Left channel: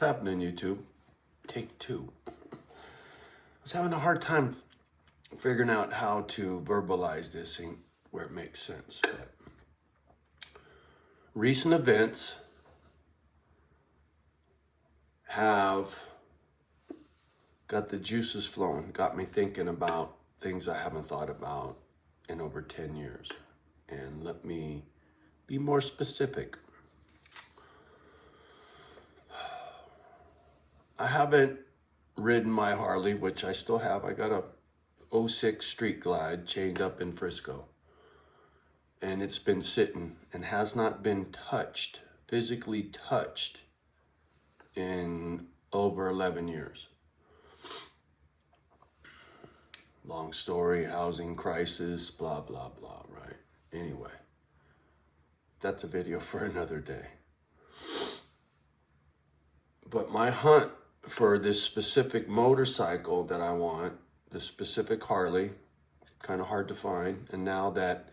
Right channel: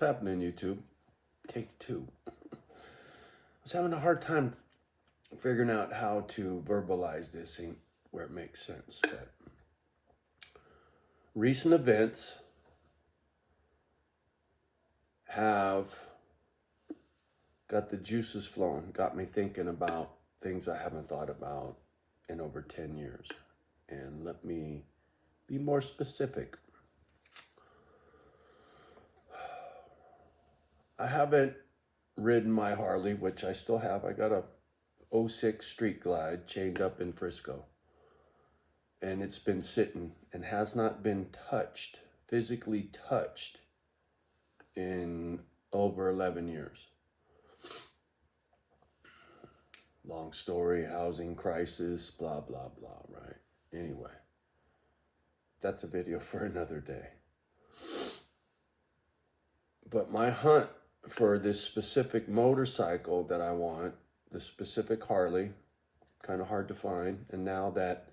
happening, YouTube? Take two. I was having a hard time figuring out how to verbalize this thing where it makes sense. But recent events have got the juices flowing, got me thinking about things I haven't thought about in over 10 years. And let me be more specific. I haven't ridden my Harley, which I still have. I got a 06 Street Glide chained up in Frisco. And it's been sitting and has not been touched, physically touched, in over 11 years. Long story, housing crisis, blah, blah, blah, right? Anyway, that's a video for another day. But my hunt for this specific motorcycle that I want, the specific Harley, kind of hard to find. And now that,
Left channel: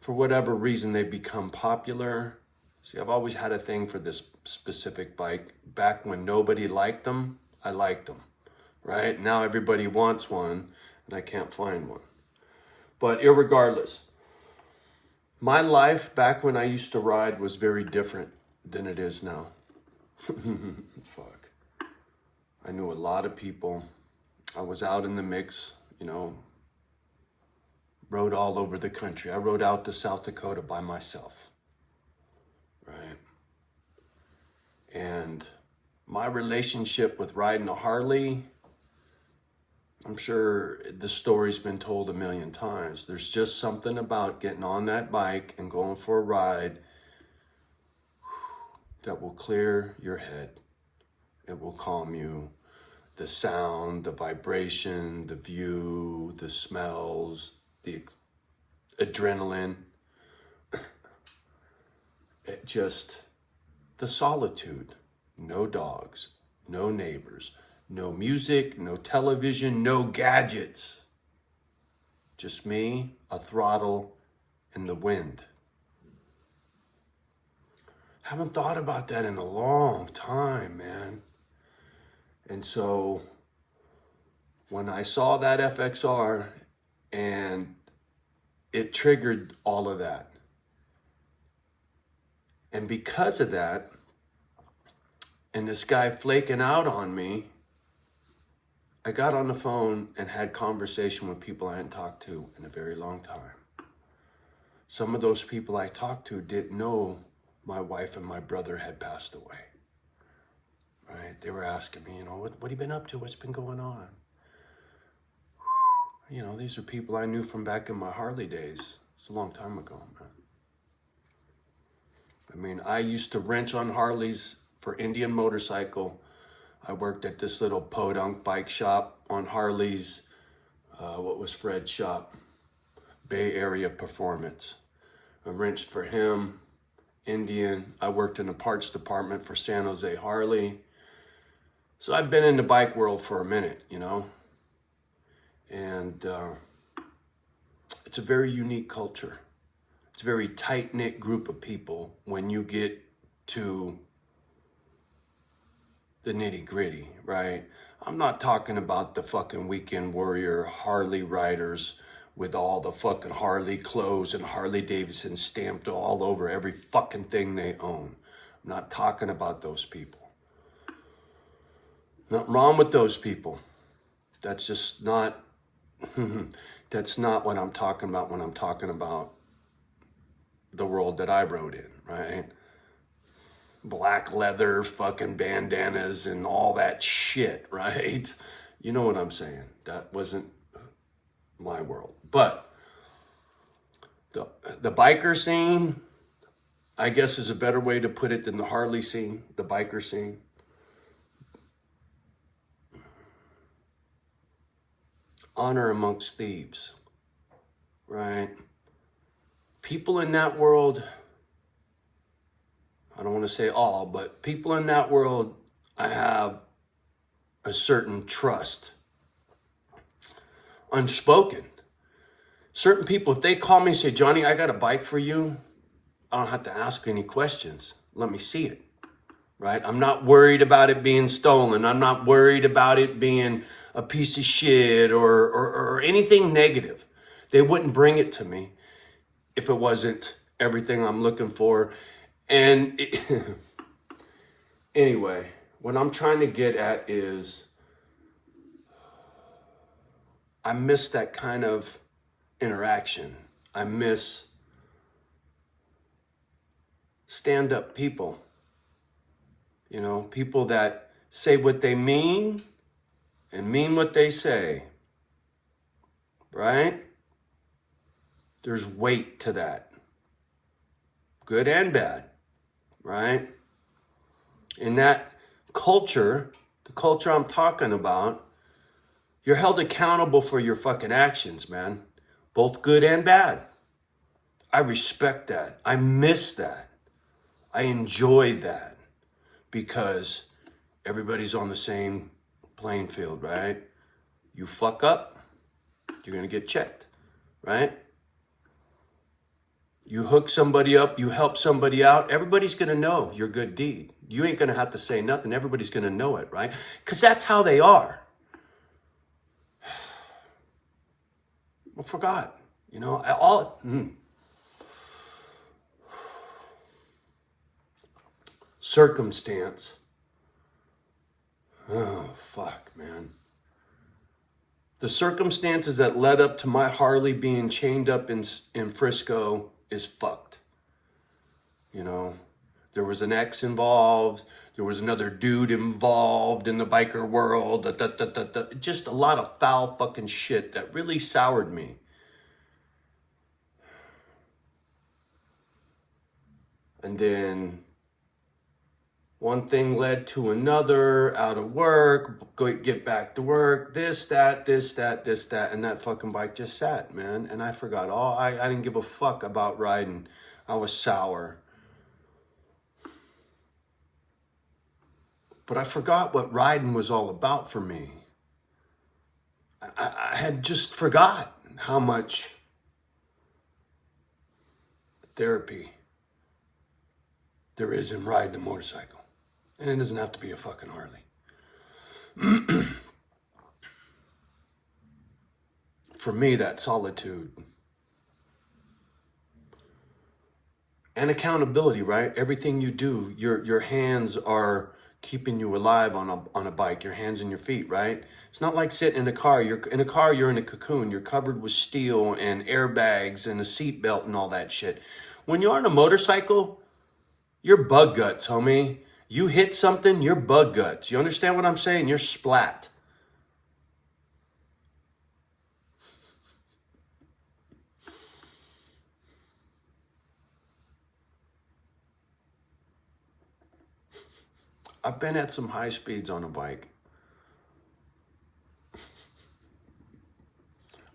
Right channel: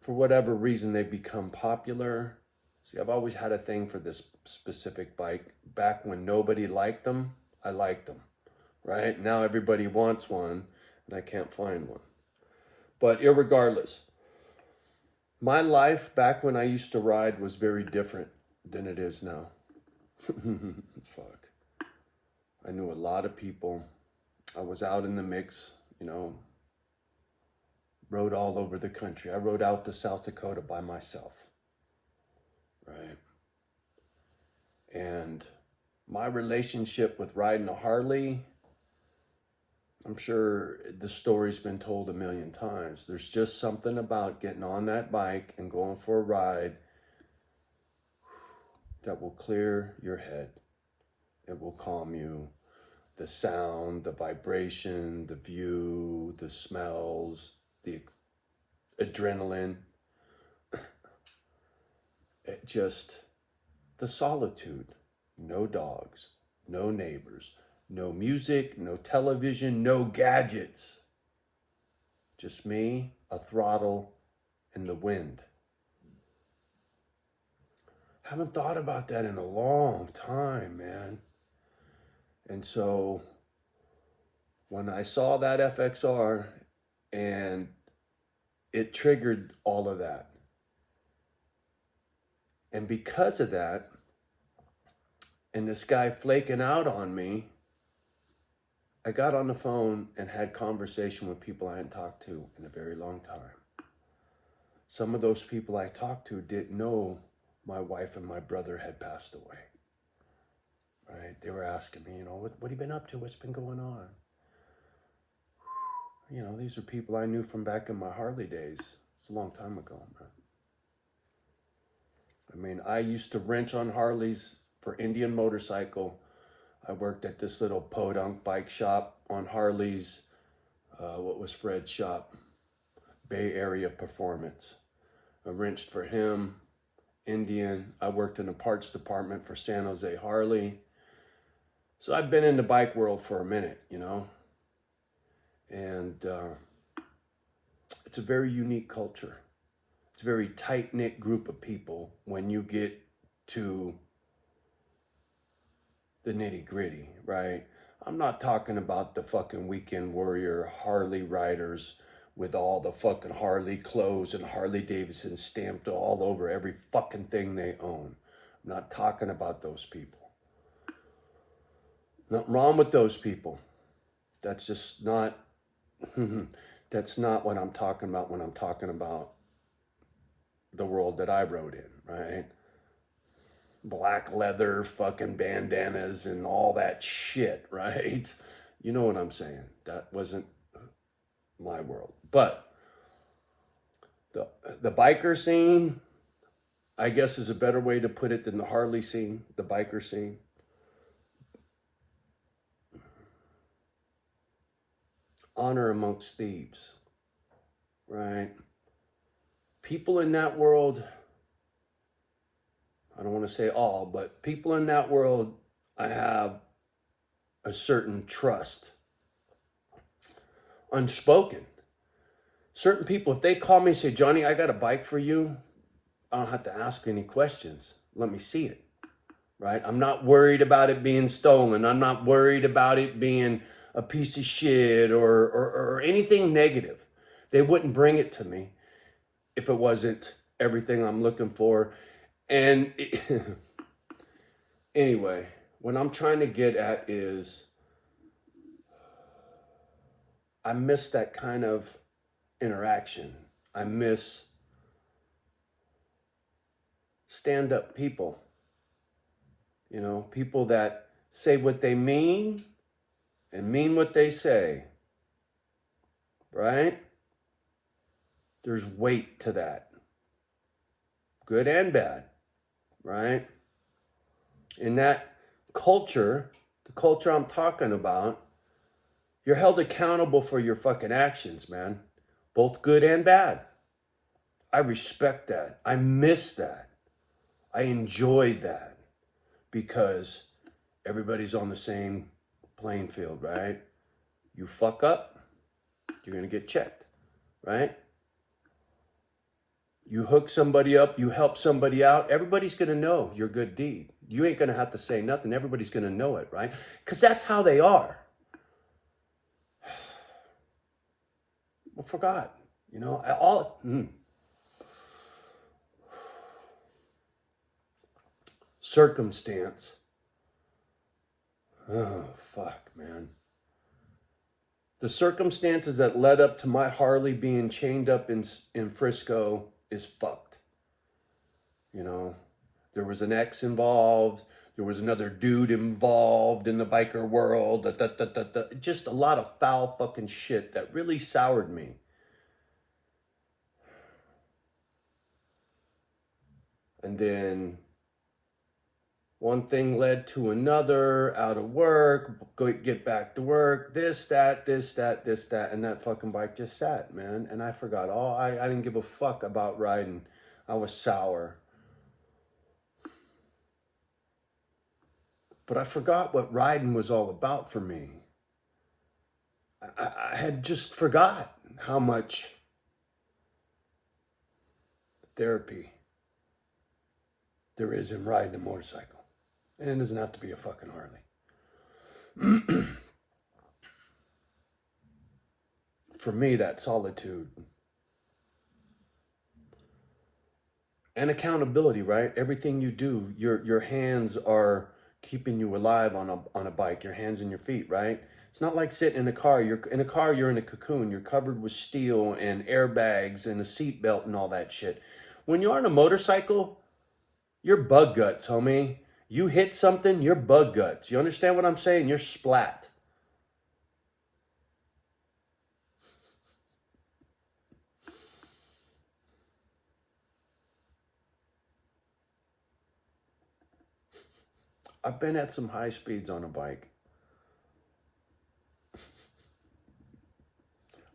for whatever reason, they've become popular. See, I've always had a thing for this specific bike. Back when nobody liked them, I liked them, right? Now everybody wants one, and I can't find one. But irregardless, my life back when I used to ride was very different than it is now. Fuck. I knew a lot of people. I was out in the mix, you know, rode all over the country. I rode out to South Dakota by myself, right? And my relationship with riding a Harley, I'm sure the story's been told a million times. There's just something about getting on that bike and going for a ride that will clear your head. It will calm you. The sound, the vibration, the view, the smells, the adrenaline. It just, the solitude. No dogs, no neighbors, no music, no television, no gadgets. Just me, a throttle, and the wind. Haven't thought about that in a long time, man. And so when I saw that FXR, and it triggered all of that. And because of that, and this guy flaking out on me, I got on the phone and had conversation with people I hadn't talked to in a very long time. Some of those people I talked to didn't know my wife and my brother had passed away. Right? They were asking me, you know, what have you been up to? What's been going on? You know, these are people I knew from back in my Harley days. It's a long time ago, man. I mean, I used to wrench on Harleys for Indian Motorcycle. I worked at this little podunk bike shop on Harleys. What was Fred's shop? Bay Area Performance. I wrenched for him, Indian. I worked in the parts department for San Jose Harley. So I've been in the bike world for a minute, you know. And it's a very unique culture. It's a very tight-knit group of people when you get to the nitty-gritty, right? I'm not talking about the fucking weekend warrior Harley riders with all the fucking Harley clothes and Harley Davidson stamped all over every fucking thing they own. I'm not talking about those people. Nothing wrong with those people. That's just not, that's not what I'm talking about when I'm talking about the world that I rode in, right? Black leather, fucking bandanas and all that shit, right? You know what I'm saying? That wasn't my world. But the biker scene, I guess is a better way to put it than the Harley scene, the biker scene. Honor amongst thieves, right? People in that world, I don't want to say all, but people in that world, I have a certain trust. Unspoken. Certain people, if they call me and say, Johnny, I got a bike for you, I don't have to ask any questions. Let me see it. right? I'm not worried about it being stolen. I'm not worried about it being a piece of shit or anything negative. They wouldn't bring it to me if it wasn't everything I'm looking for. And anyway, what I'm trying to get at is I miss that kind of interaction. I miss stand-up people, you know, people that say what they mean and mean what they say, right? There's weight to that, good and bad, right? In that culture, the culture I'm talking about, you're held accountable for your fucking actions, man, both good and bad. I respect that. I miss that. I enjoy that because everybody's on the same playing field, right? You fuck up, you're gonna get checked, right? You hook somebody up, you help somebody out, everybody's gonna know your good deed. You ain't gonna have to say nothing, everybody's gonna know it, right? Because that's how they are. I forgot, you know, circumstance. Oh, fuck, man. The circumstances that led up to my Harley being chained up in Frisco is fucked. You know, there was an ex involved. There was another dude involved in the biker world. Just a lot of foul fucking shit that really soured me. And then one thing led to another, out of work, get back to work, this, that, and that fucking bike just sat, man. And I forgot I didn't give a fuck about riding. I was sour. But I forgot what riding was all about for me. I had just forgot how much therapy there is in riding a motorcycle. And it doesn't have to be a fucking Harley. For me, that's solitude. And accountability, right? Everything you do, your hands are keeping you alive on a bike, your hands and your feet, right? It's not like sitting in a car. You're in a car, you're in a cocoon. You're covered with steel and airbags and a seatbelt and all that shit. When you're on a motorcycle, you're bug guts, homie. You hit something, you're bug guts. You understand what I'm saying? You're splat. I've been at some high speeds on a bike.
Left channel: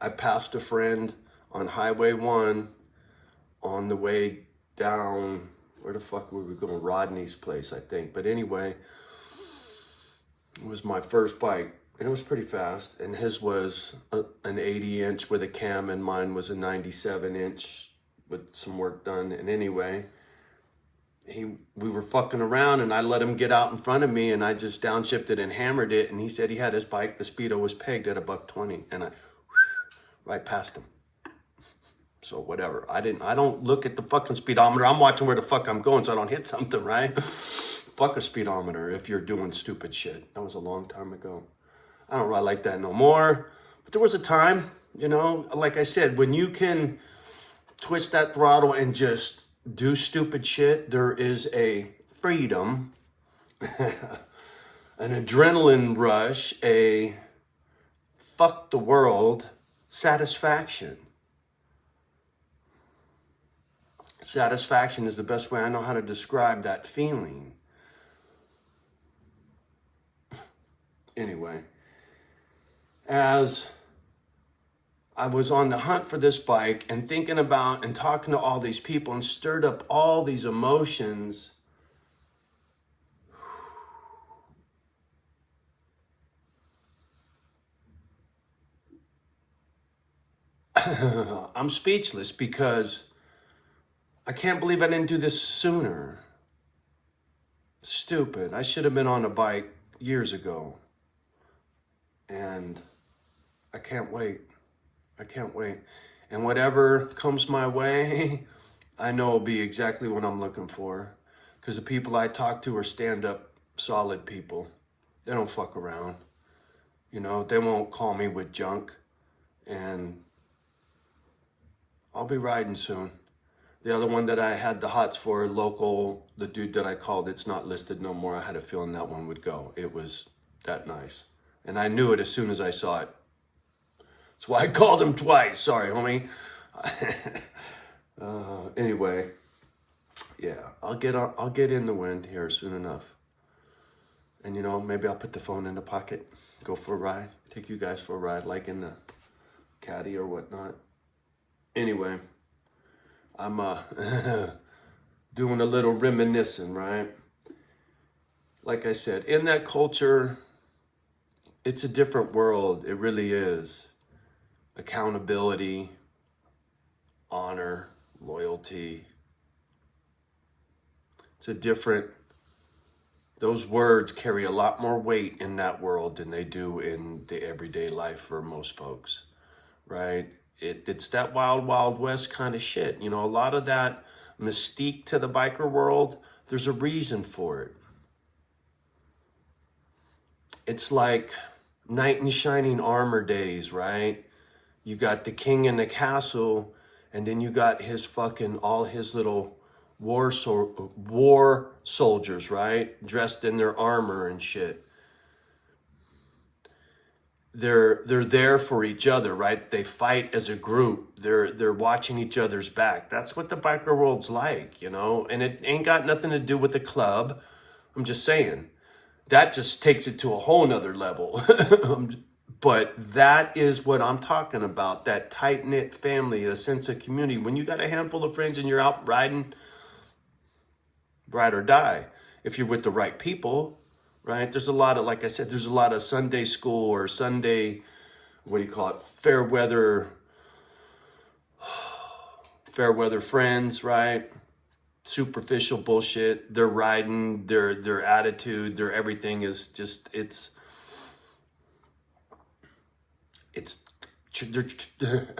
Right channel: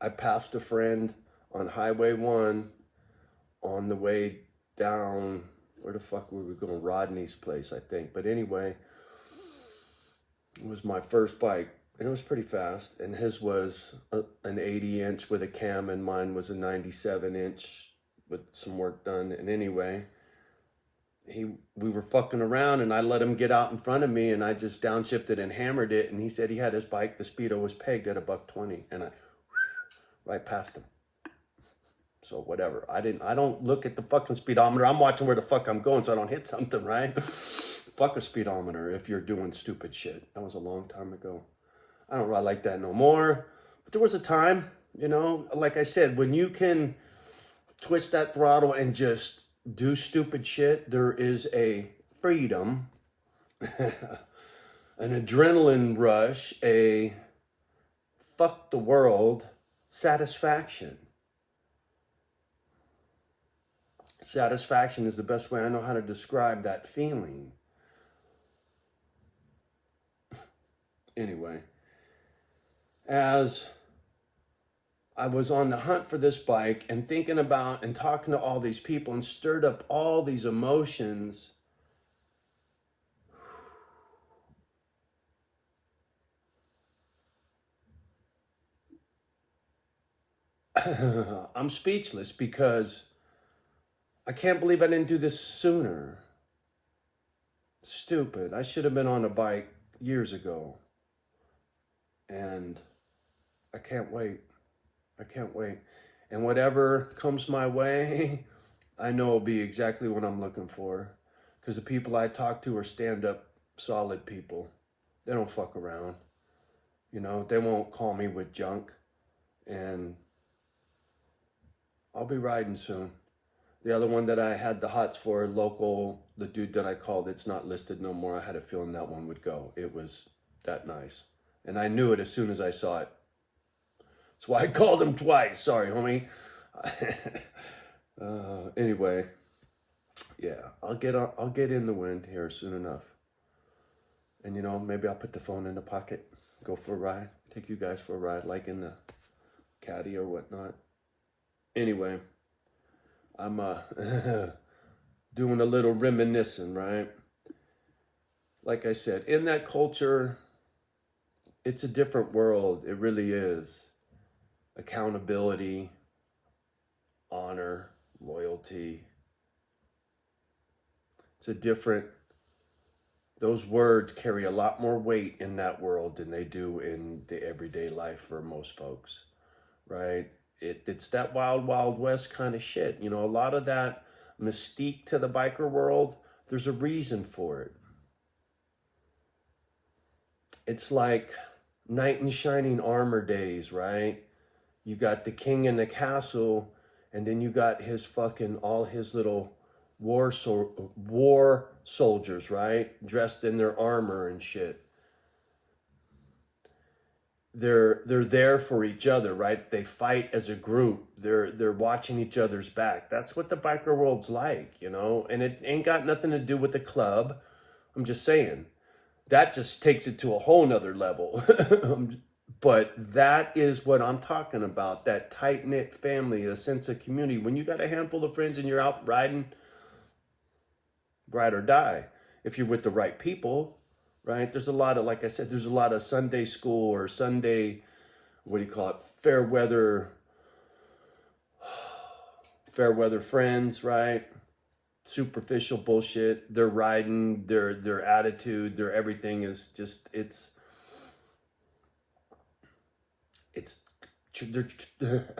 I passed a friend on Highway 1 on the way down, where the fuck were we going? Rodney's place, I think. But anyway, it was my first bike, and it was pretty fast. And his was an 80-inch with a cam, and mine was a 97-inch with some work done. And anyway, we were fucking around, and I let him get out in front of me, and I just downshifted and hammered it. And he said he had his bike, the speedo was pegged at $120, and I right past him. So whatever. I don't look at the fucking speedometer. I'm watching where the fuck I'm going so I don't hit something, right? Fuck a speedometer if you're doing stupid shit. That was a long time ago. I don't ride like that no more. But there was a time, you know, like I said, when you can twist that throttle and just do stupid shit, there is a freedom, an adrenaline rush, a fuck the world satisfaction. Satisfaction is the best way I know how to describe that feeling. Anyway, as I was on the hunt for this bike and thinking about and talking to all these people and stirred up all these emotions, I'm speechless because I can't believe I didn't do this sooner. Stupid. I should have been on a bike years ago. And I can't wait. I can't wait. And whatever comes my way, I know will be exactly what I'm looking for. Because the people I talk to are stand-up, solid people. They don't fuck around. You know, they won't call me with junk. And I'll be riding soon. The other one that I had the hots for, local, the dude that I called, it's not listed no more. I had a feeling that one would go. It was that nice. And I knew it as soon as I saw it. That's why I called him twice. Sorry, homie. Anyway, yeah, I'll get in the wind here soon enough. And you know, maybe I'll put the phone in the pocket, go for a ride, take you guys for a ride, like in the caddy or whatnot. Anyway, I'm doing a little reminiscing, right? Like I said, in that culture, it's a different world. It really is. Accountability, honor, loyalty. It's a different, those words carry a lot more weight in that world than they do in the everyday life for most folks, right? It's that wild, wild west kind of shit. You know, a lot of that mystique to the biker world, there's a reason for it. It's like knight in shining armor days, right? You got the king in the castle, and then you got his fucking, all his little war soldiers, right? Dressed in their armor and shit. They're there for each other, right? They fight as a group. They're watching each other's back. That's what the biker world's like, you know? And it ain't got nothing to do with the club. I'm just saying. That just takes it to a whole nother level. But that is what I'm talking about, that tight-knit family, a sense of community. When you got a handful of friends and you're out riding, ride or die, if you're with the right people, right? There's a lot of, like I said, there's a lot of Sunday school or Sunday, what do you call it, fair weather friends, right? Superficial bullshit. They're riding, their attitude, their everything is just, they're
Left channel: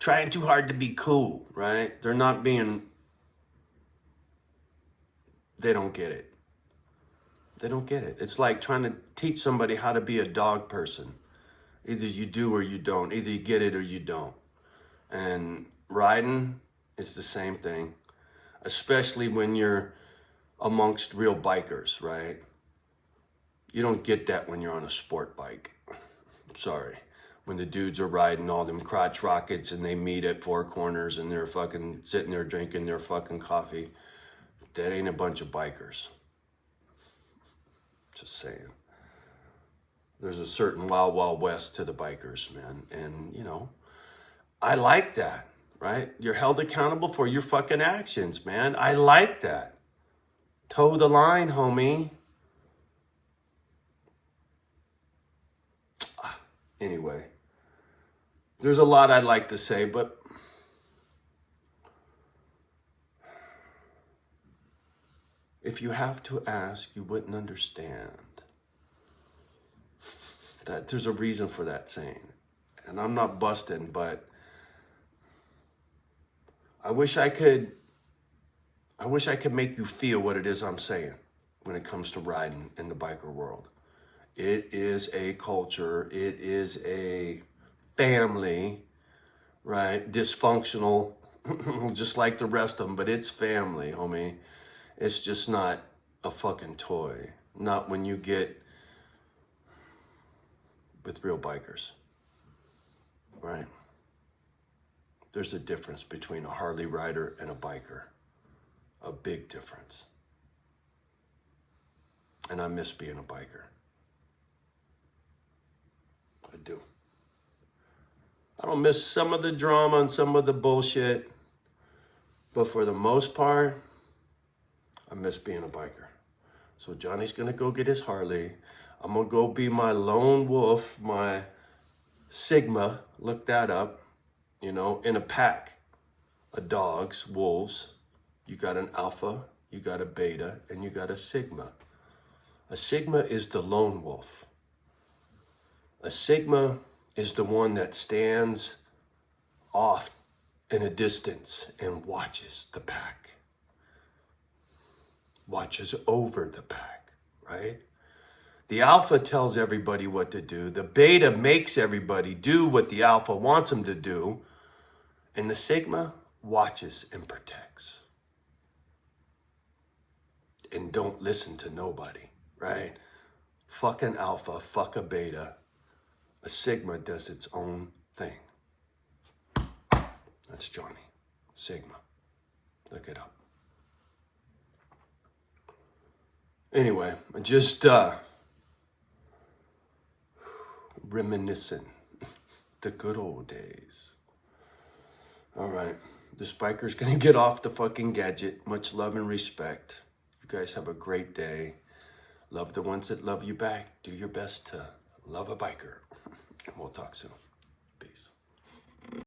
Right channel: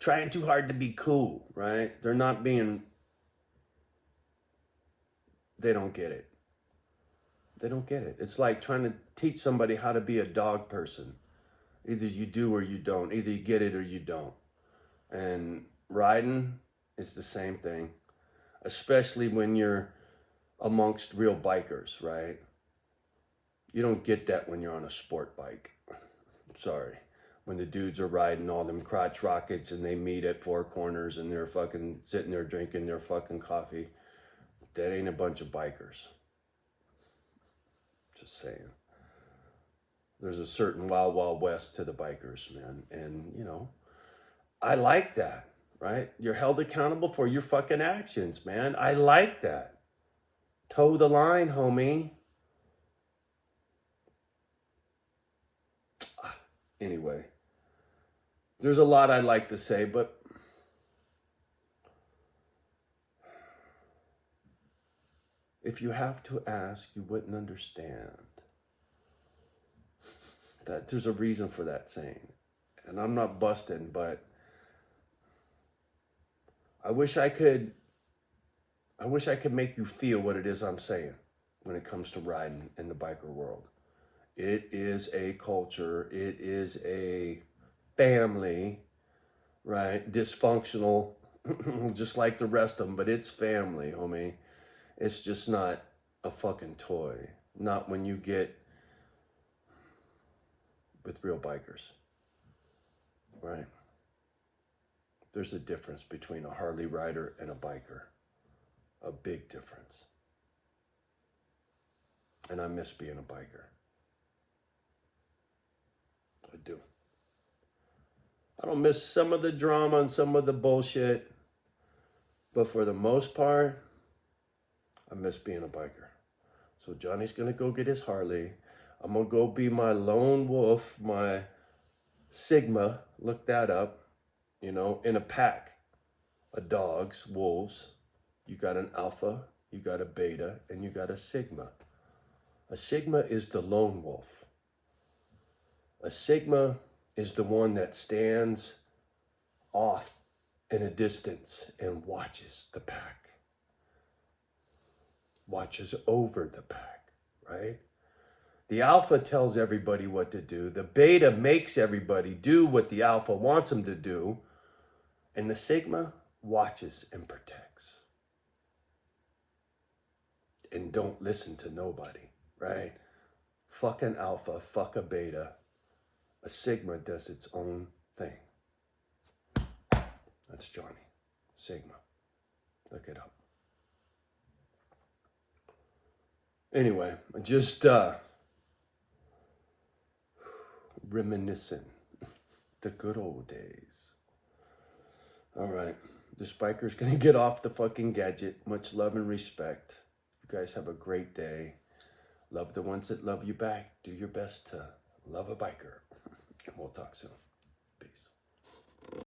trying too hard to be cool, right? They're not being, they don't get it. They don't get it. It's like trying to teach somebody how to be a dog person. Either you do or you don't. Either you get it or you don't. And riding is the same thing, especially when you're amongst real bikers, right? You don't get that when you're on a sport bike. Sorry. When the dudes are riding all them crotch rockets and they meet at Four Corners and they're fucking sitting there drinking their fucking coffee. That ain't a bunch of bikers. Just saying. There's a certain wild, wild west to the bikers, man. And, you know, I like that, right? You're held accountable for your fucking actions, man. I like that. Toe the line, homie. Anyway, there's a lot I'd like to say, but if you have to ask, you wouldn't understand. That there's a reason for that saying. And I'm not busting, but I wish I could make you feel what it is I'm saying when it comes to riding in the biker world. It is a culture, it is a family, right? Dysfunctional, just like the rest of them, but it's family, homie. It's just not a fucking toy. Not when you get with real bikers, right? There's a difference between a Harley rider and a biker. A big difference. And I miss being a biker. I do. I don't miss some of the drama and some of the bullshit, but for the most part, I miss being a biker. So Johnny's gonna go get his Harley. I'm gonna go be my lone wolf, my Sigma, look that up, you know, in a pack of dogs, wolves. You got an alpha, you got a beta, and you got a sigma. A sigma is the lone wolf. A sigma is the one that stands off in a distance and watches the pack. Watches over the pack, right? The alpha tells everybody what to do. The beta makes everybody do what the alpha wants them to do. And the sigma watches and protects. And don't listen to nobody, right? Fuck an alpha, fuck a beta. A sigma does its own thing. That's Johnny. Sigma. Look it up. Anyway, just reminiscing the good old days. All right. The spiker's going to get off the fucking gadget. Much love and respect. You guys have a great day. Love the ones that love you back. Do your best to love a biker. And we'll talk soon. Peace.